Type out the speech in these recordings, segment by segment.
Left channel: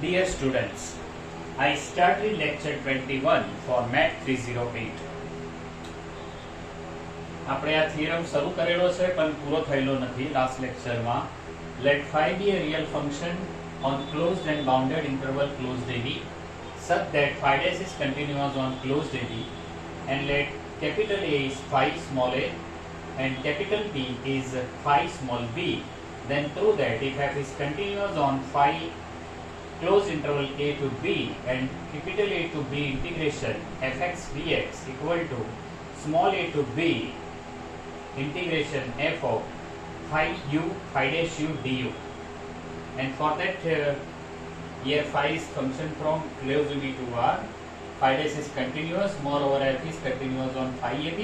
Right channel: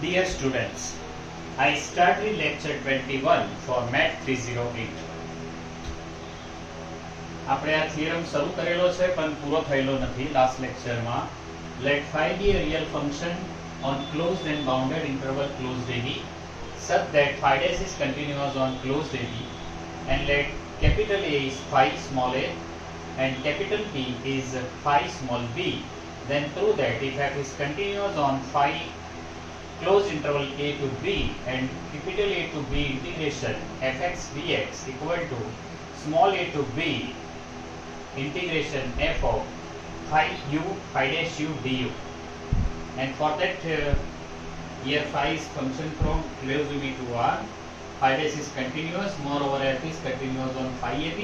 Dear students, I started lecture 21 for Math 308. આપણે આ theorem શરૂ કરેલો છે પણ પૂરો થયેલો નથી લાસ્ટ લેક્ચરમાં. Let phi be a real function on closed and bounded interval closed AB such that phi dash is continuous on closed AB, and let capital A is phi small a and capital B is phi small b. Then prove that if f is continuous on phi closed interval a to b and capital A to b integration fx dx equal to small a to b integration f of phi u phi dash u du. And for that here phi is function from closed b to r, phi dash is continuous, moreover f is continuous on phi ab.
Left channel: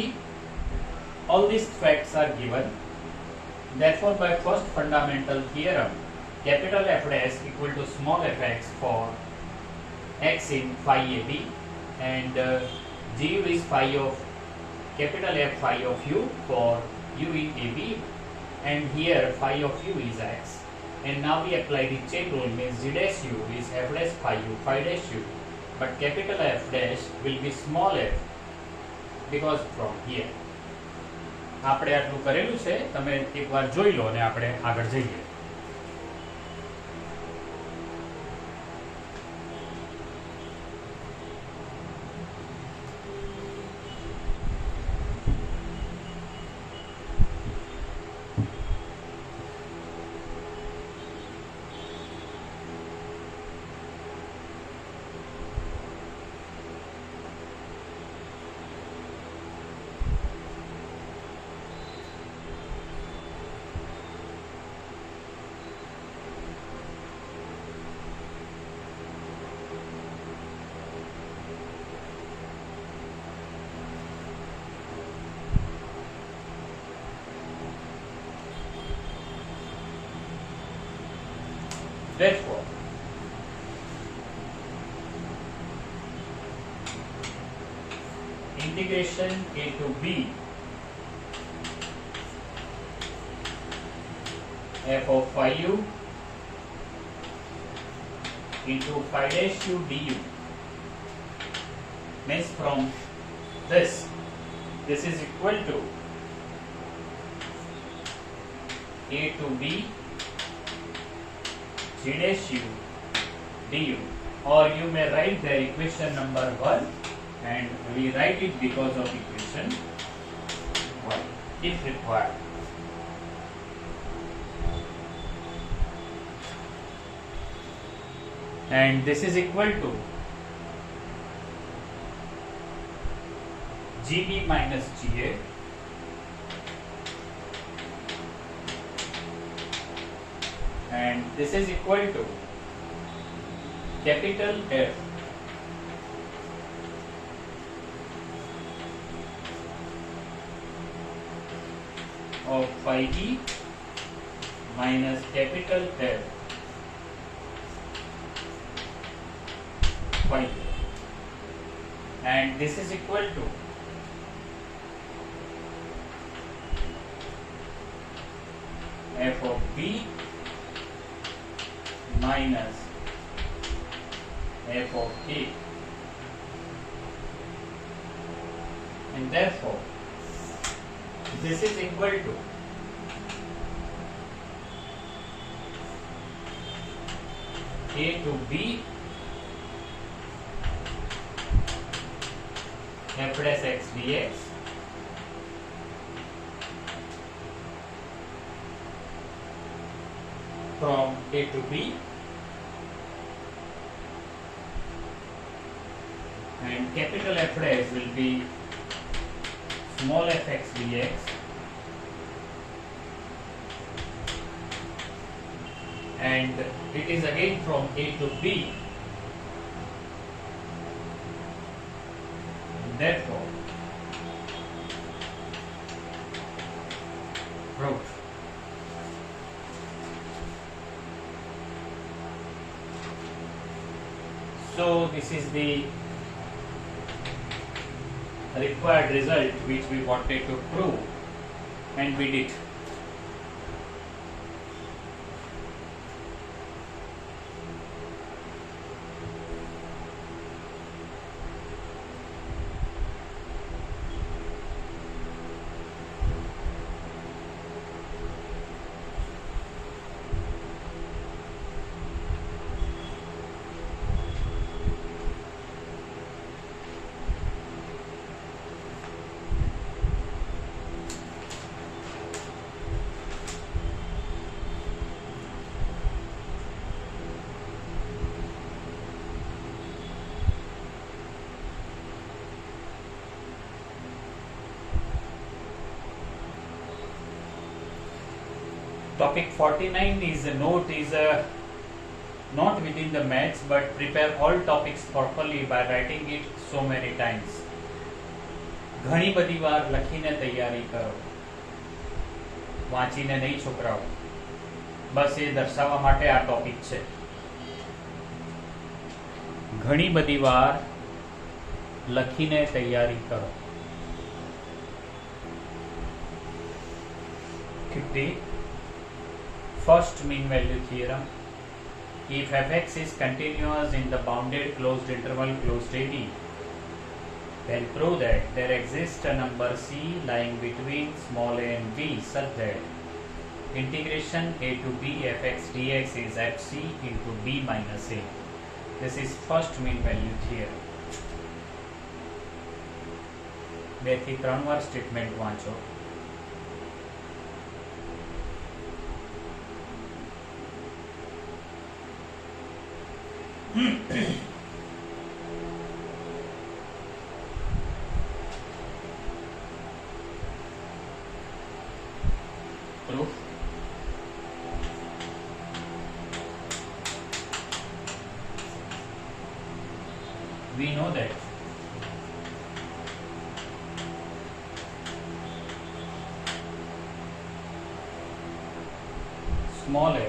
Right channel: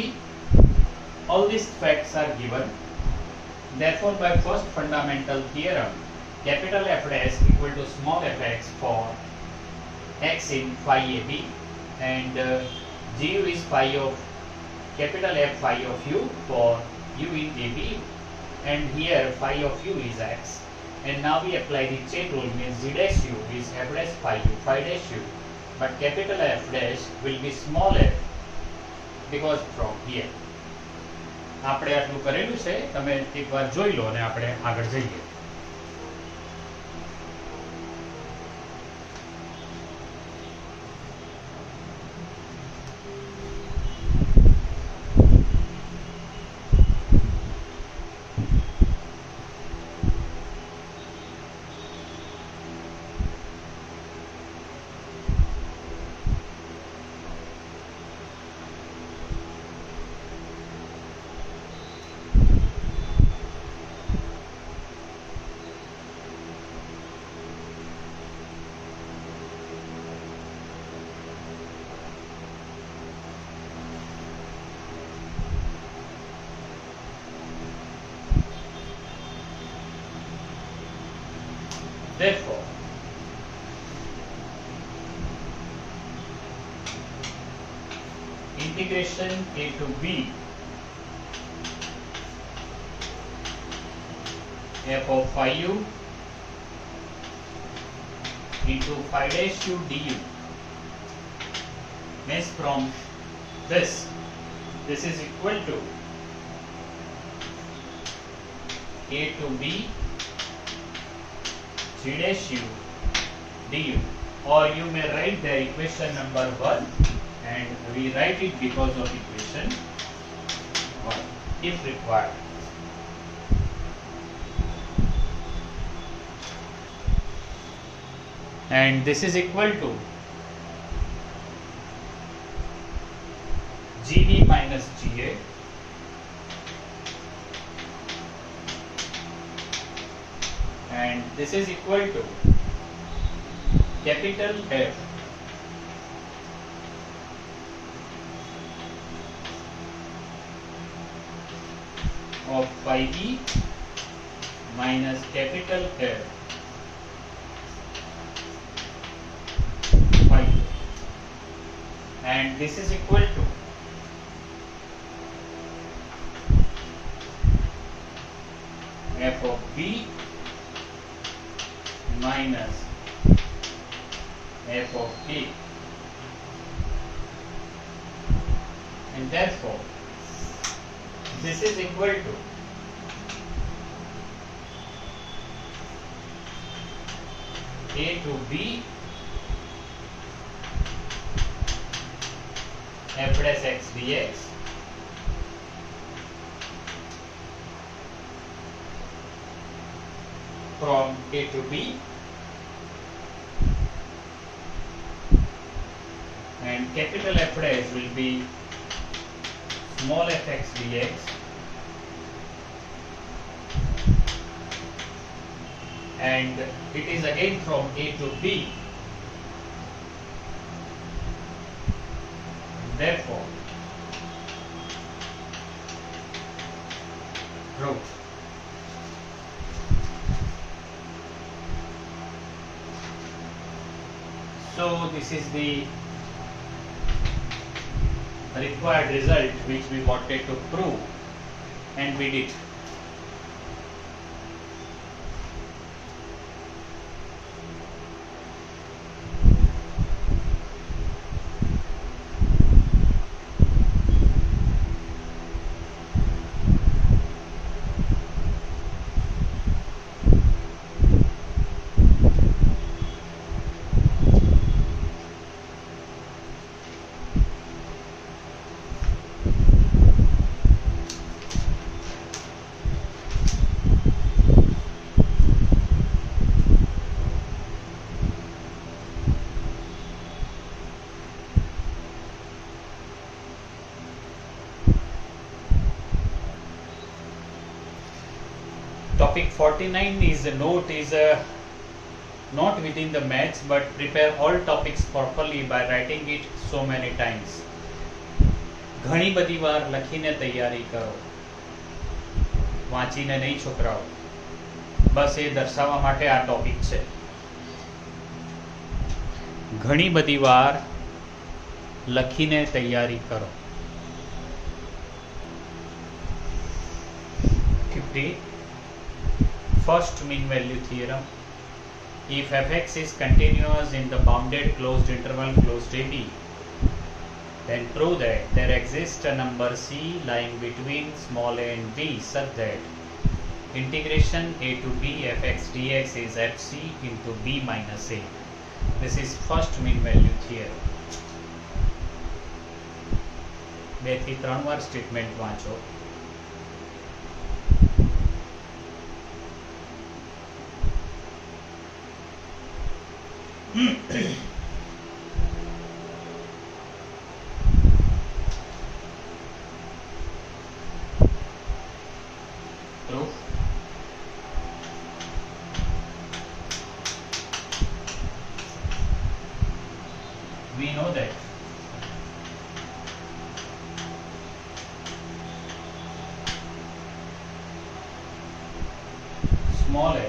All these facts are given. Therefore, by first fundamental theorem, capital F dash equal to small fx for x in phi ab, and gu is phi of capital F phi of u for u in ab, and here phi of u is x. And now we apply the chain rule, means g dash u is f dash phi u phi dash u, but capital F dash will be small f because from here. આપણે આટલું કરેલું છે, તમે એકવાર જોઈ લો અને આપણે આગળ જઈએ. Therefore, integration a to b f of phi u into phi dash u du means from this is equal to a to b g dash u du, or you may write the equation number 1, and we write it because of equation 1 if required. And this is equal to gb minus ga and this is equal to capital F of phi e minus capital F phi e, and this is equal to f of b minus f of a, and therefore this is equal to a to b f dash x dx from a to b, and capital F dash will be small fx dx and it is again from a to b. Therefore, proof. So this is the required result which we wanted to prove, and we did. Topic 49 is a note is not within the maths, but prepare all topics properly by writing it so many times. ઘણી બધી વાર લખીને તૈયારી કરો, વાંચીને નહીં છોકરાઓ. બસ એ દર્શાવવા માટે આ ટોપિક છે. ઘણી બધી વાર લખીને તૈયારી કરો. 50. First mean value theorem. If fx is continuous in the bounded closed interval closed AB, then prove that there exists a number c lying between small a and b such that integration a to b fx dx is fc into b minus a. This is first mean value theorem. 2 થી 3 વાર statement વાંચો. Proof. We know that small a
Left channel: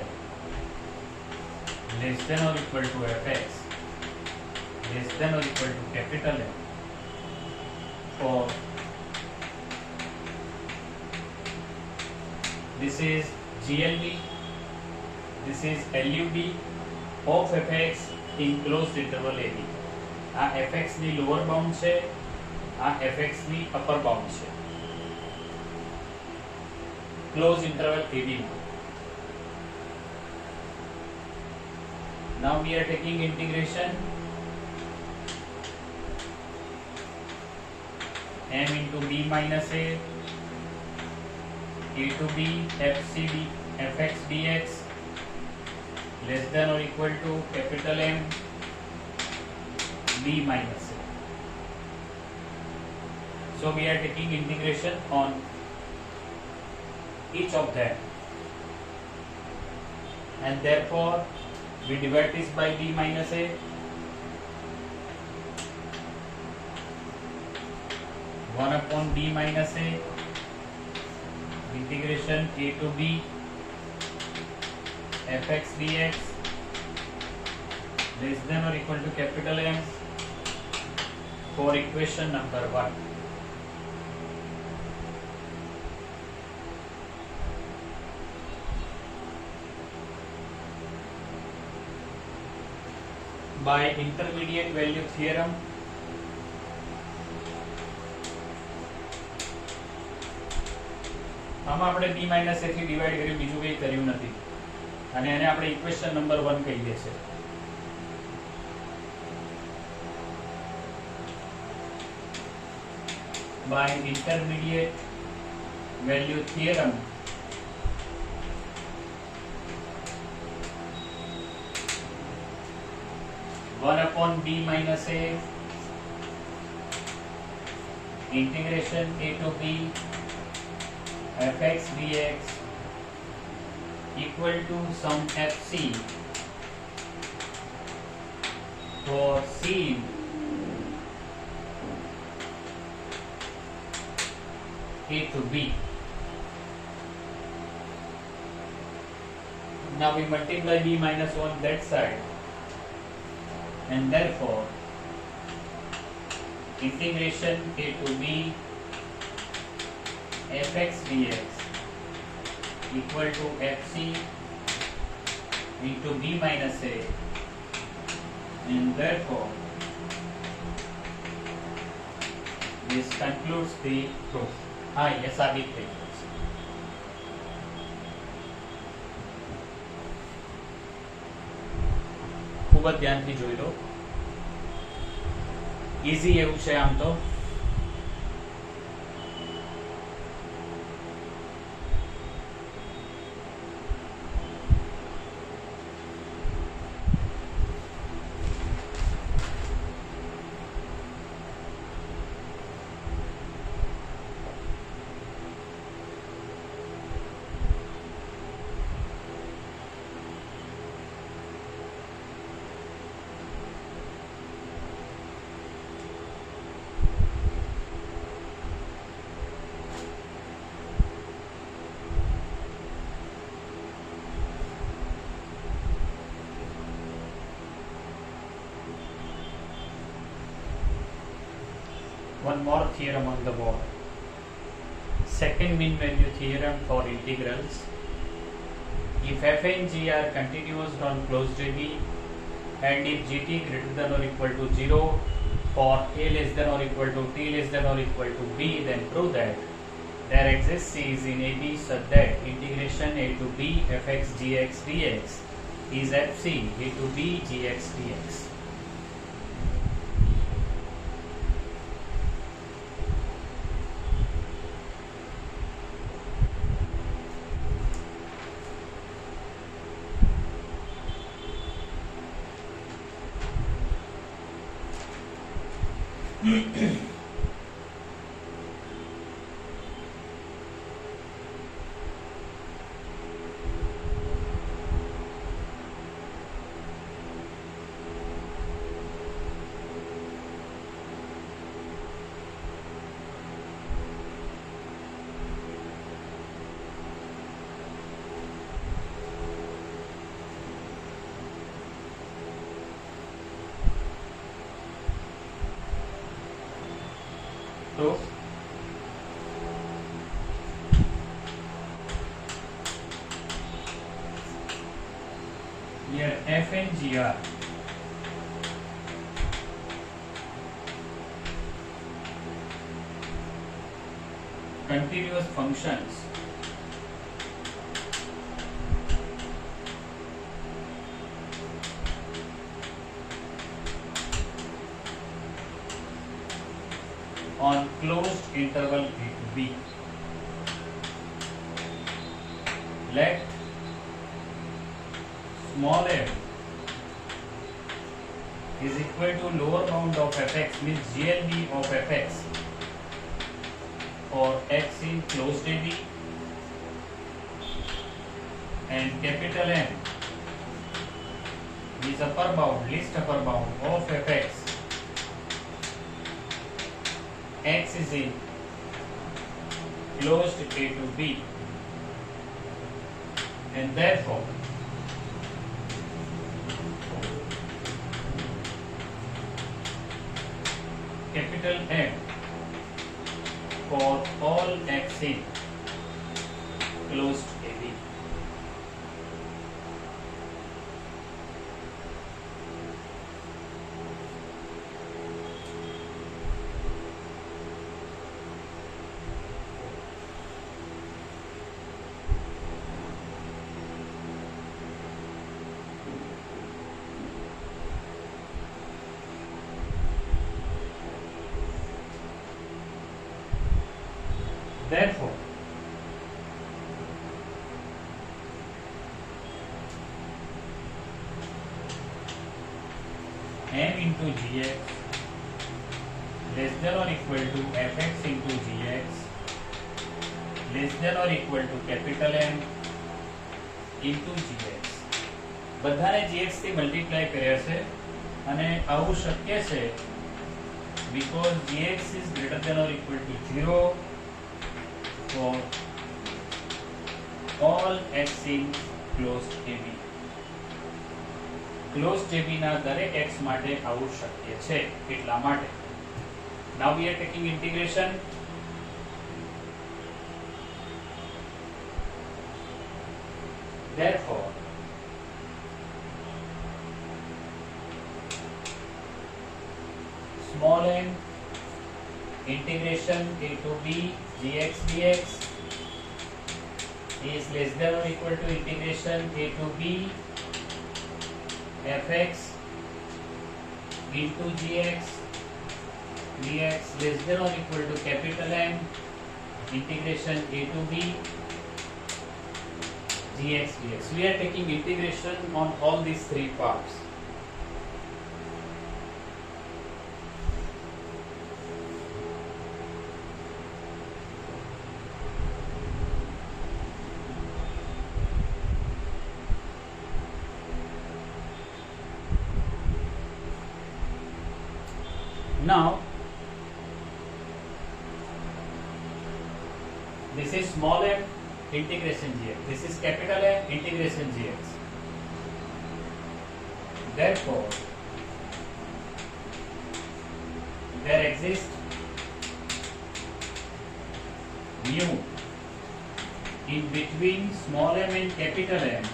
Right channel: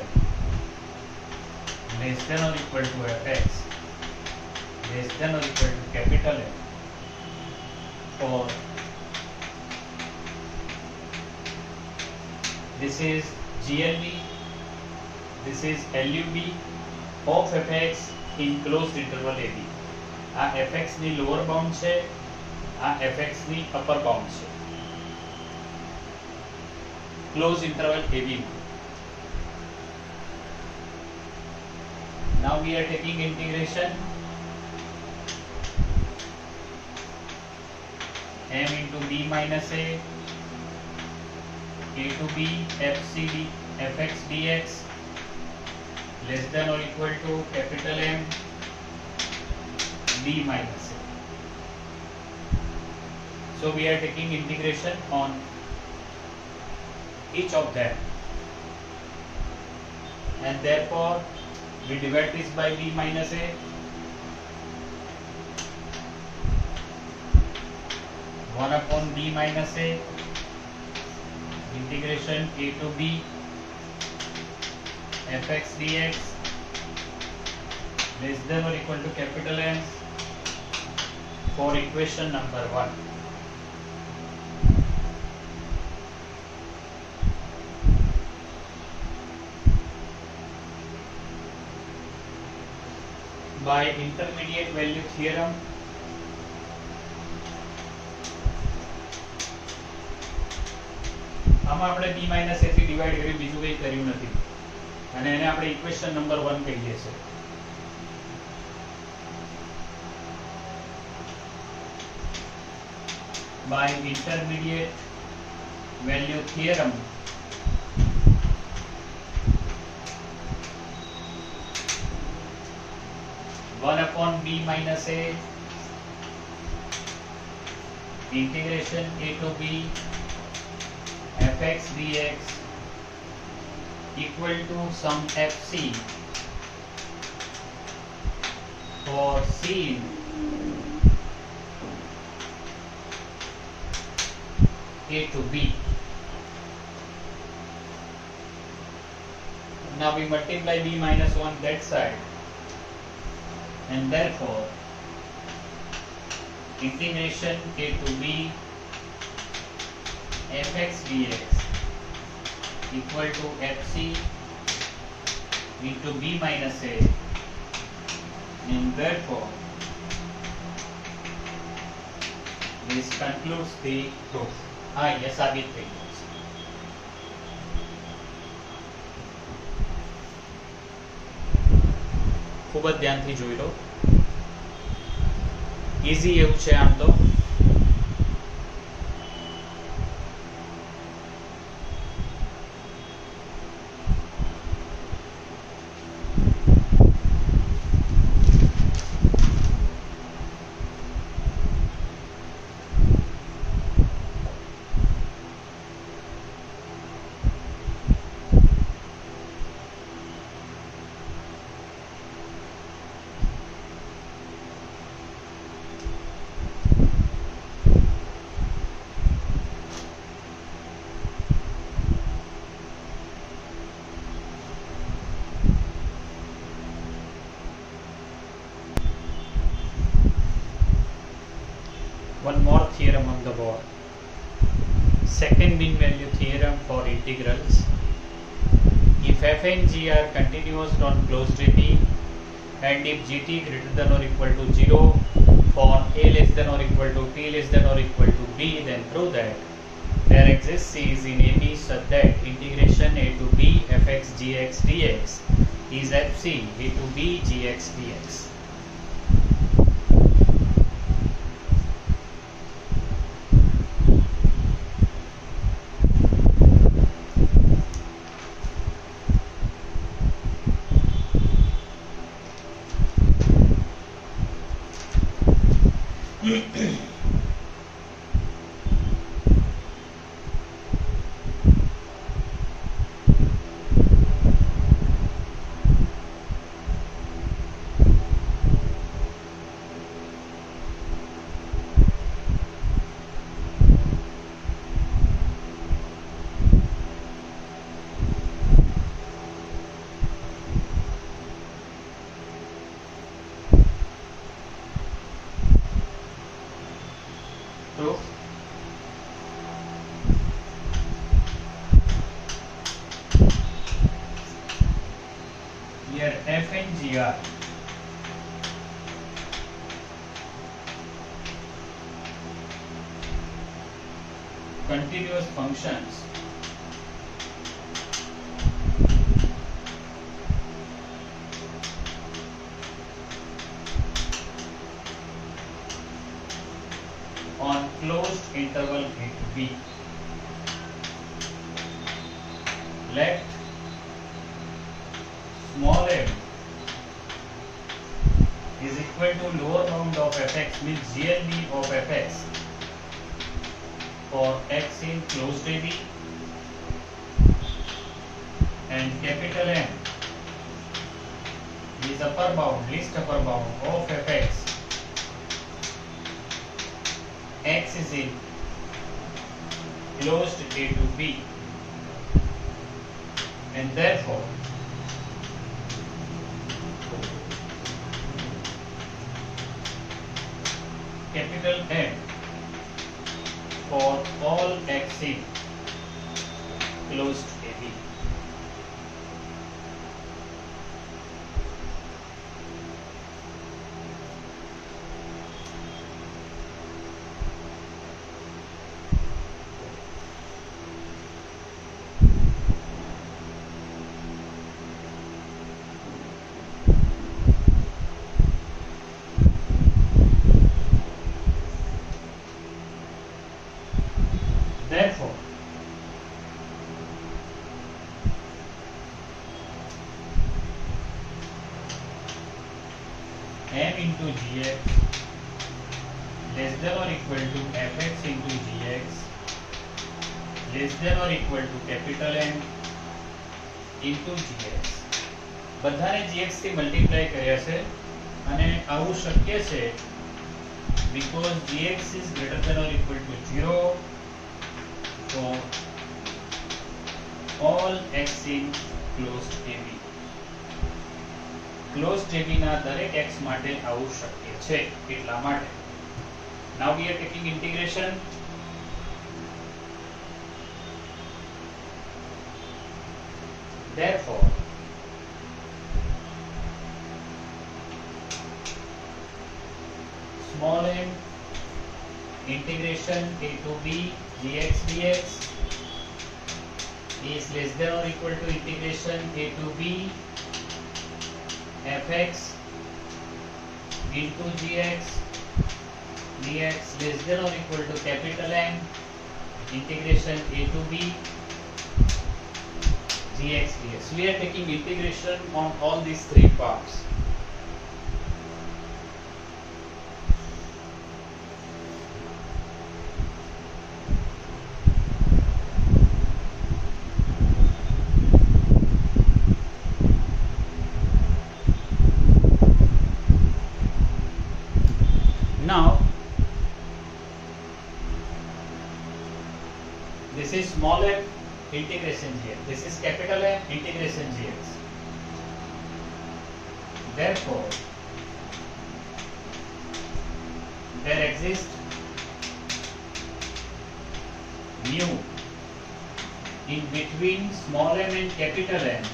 less than or equal to fx less than or equal to capital A for this is GLB, this is LUB of fx in closed interval AB. આ fx ની lower bound છે, આ fx ની upper bound છે. Closed interval AB. Now we are taking integration m into b minus a to b fx dx less than or equal to capital M b minus a. So we are taking integration on each of them, and therefore we divide this by b minus a. 1 upon b minus a integration a to b fx dx less than or equal to capital M for equation number 1. By intermediate value theorem, આમાં આપણે b a થી divide કર્યું, બીજું કંઈ કર્યું નથી, અને એને આપણે ઇક્વેશન નંબર 1 કહીએ છે. By intermediate value theorem, one upon b minus a integration a to b fx dx equal to some fc for c a to b. Now we multiply b minus 1 that side, and therefore integration a to b fx dx equal to fc into b minus a, and therefore this concludes the proof. ये साबित થઈ ગયું છે. ખૂબ જ ધ્યાનથી જોઈ લો. Easy એવું છે આમ તો. theorem on the board. Second mean value theorem for integrals. If f and g are continuous on closed AB and if gt greater than or equal to 0 for a less than or equal to t less than or equal to b, then prove that there exists c's in AB such that integration a to b fx gx dx is fc a to b gx dx. So here f and g are continuous functions on closed interval a to b. Let small m is equal to lower bound of fx, means GLB of fx for x in closed AB, and capital M is upper bound, least upper bound of fx x is in closed A to B, and therefore capital M for all x in closed AB. Therefore, m into gx less than or equal to fx into gx less than or equal to capital M into gx. બધાને gx થી multiply કર્યા છે અને આવું શક્ય છે because gx is greater than or equal to 0 for all x in closed AB. Closed AB ના દરેક x માટે આવું શક્ય છે એટલા માટે. Now we are taking integration. Therefore small m integration a to b gx dx is less than or equal to integration a to b fx into gx dx less than or equal to capital M integration a to b gx dx. We are taking integration on all these three parts. Now this is small m integration gx, this is capital M integration gx. Therefore there exists mu in between small m and capital M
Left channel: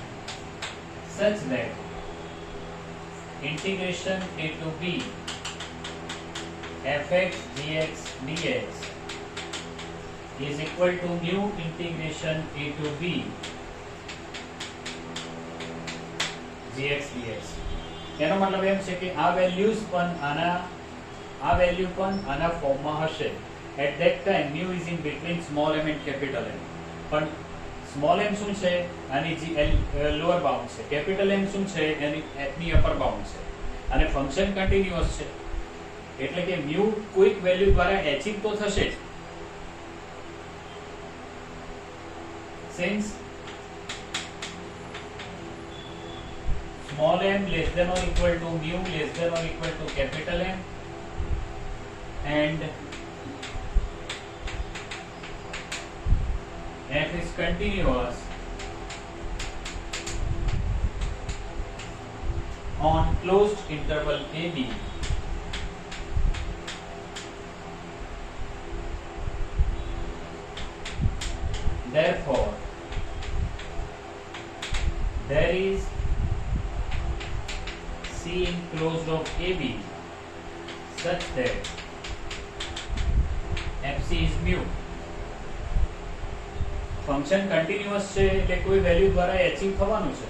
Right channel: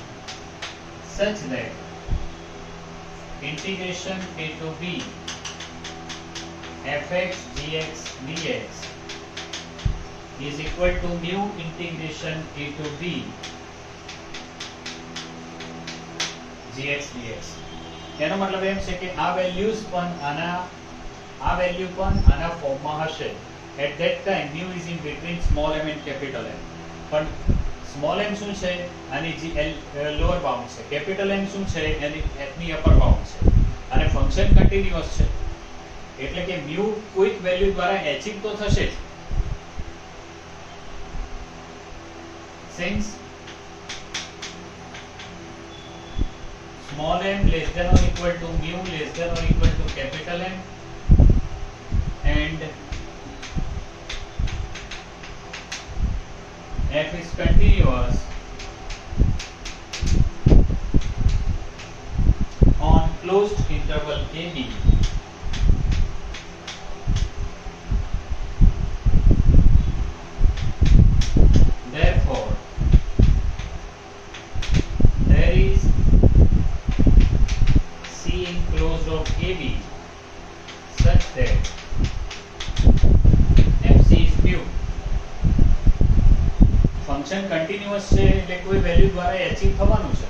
such that integration a to b fx dx dx is equal to mu integration a to b gx dx. એનો મતલબ એમ છે કે આ values પણ આ value પણ આના ફોર્મમાં હશે. At that time mu is in between small m and capital M. પણ સ્મોલ m શું છે? આની જે લોઅર બાઉન્ડ છે. કેપિટલ M શું છે? એની ની અપર બાઉન્ડ છે. અને ફંક્શન કન્ટીન્યુઅસ છે એટલે કે mu કોઈક વેલ્યુ દ્વારા એચિવ તો થશે જ. Since small m less than or equal to mu less than or equal to capital M and f is continuous on closed interval AB, therefore there is C enclosed of AB such that FC is mu. Function continuous છે એટલે કોઈ value દ્વારા achieve થવાનું છે.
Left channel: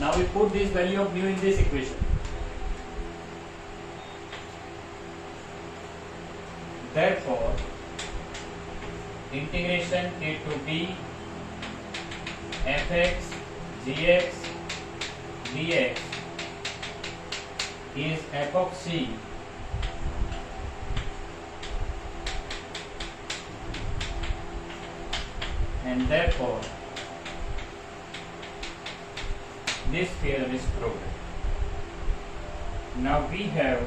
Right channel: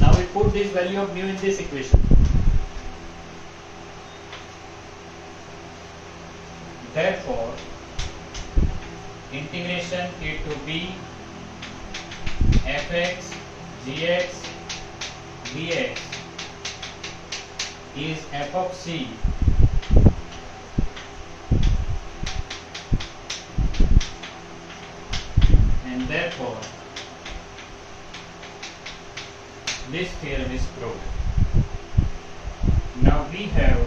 Now we put this value of mu in this equation. Therefore integration a to b fx gx dx is f of c and therefore this theorem is proven. Now we have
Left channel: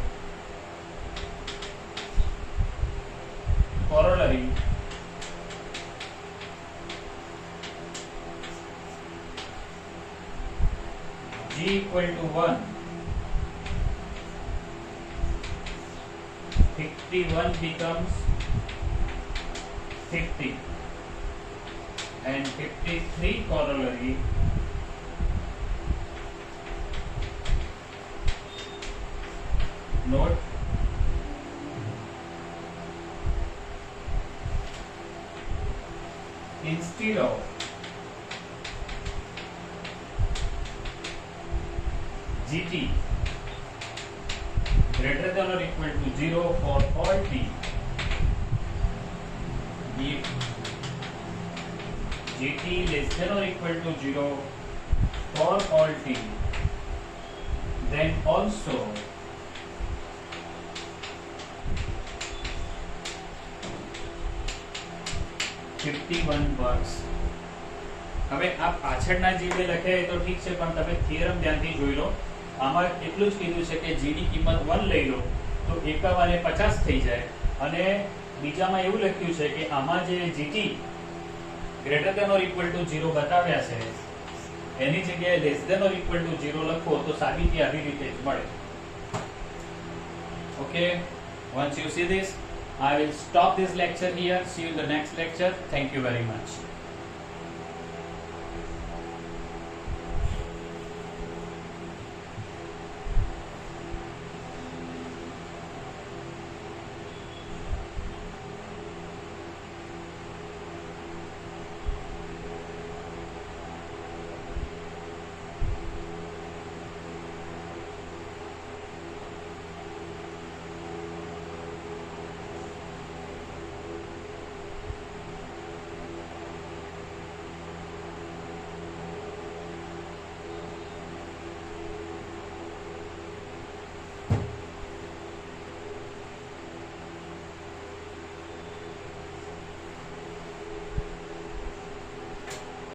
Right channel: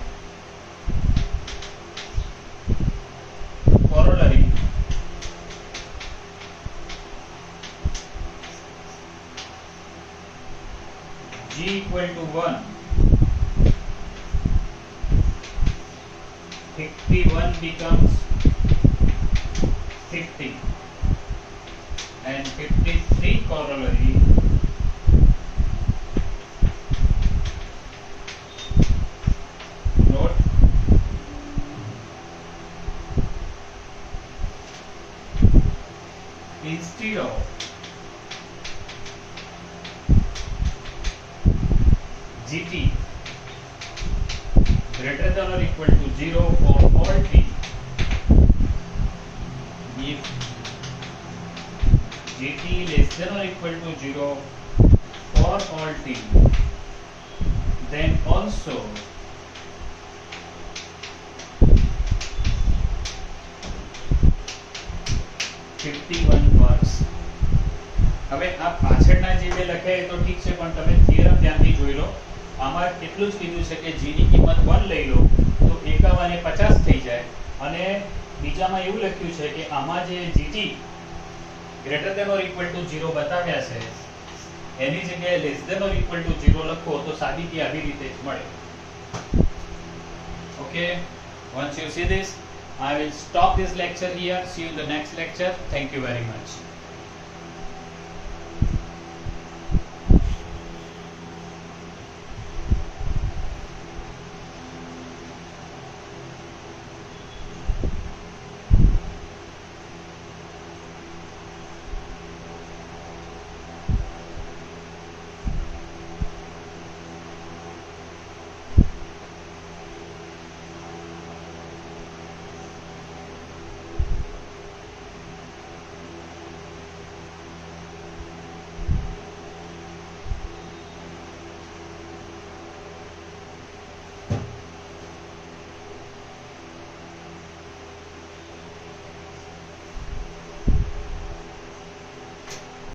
corollary g equal to 1, 51 becomes 50 and 53 corollary note instead of gt greater than or equal to 0 for all t, if gt less than or equal to 0 for all t, then also works. હવે આ પાછળના જે બે લખે એ તો ઠીક છે પણ તમે થિયરમ ધ્યાનથી જોઈ લો. આમાં એટલું જ કીધું છે કે g ની કિંમત 1 લઈ લો તો 51 એ 50 થઈ જાય અને બીજામાં એવું લખ્યું છે કે આમાં જે gt greater than or equal to 0 બતાવ્યા છે એની જગ્યાએ less than or equal to 0 લખો તો સાબિતી આવી રીતે જ મળે. Okay, once you see this I will stop this lecture here. See you in the next lecture. Thank you very much.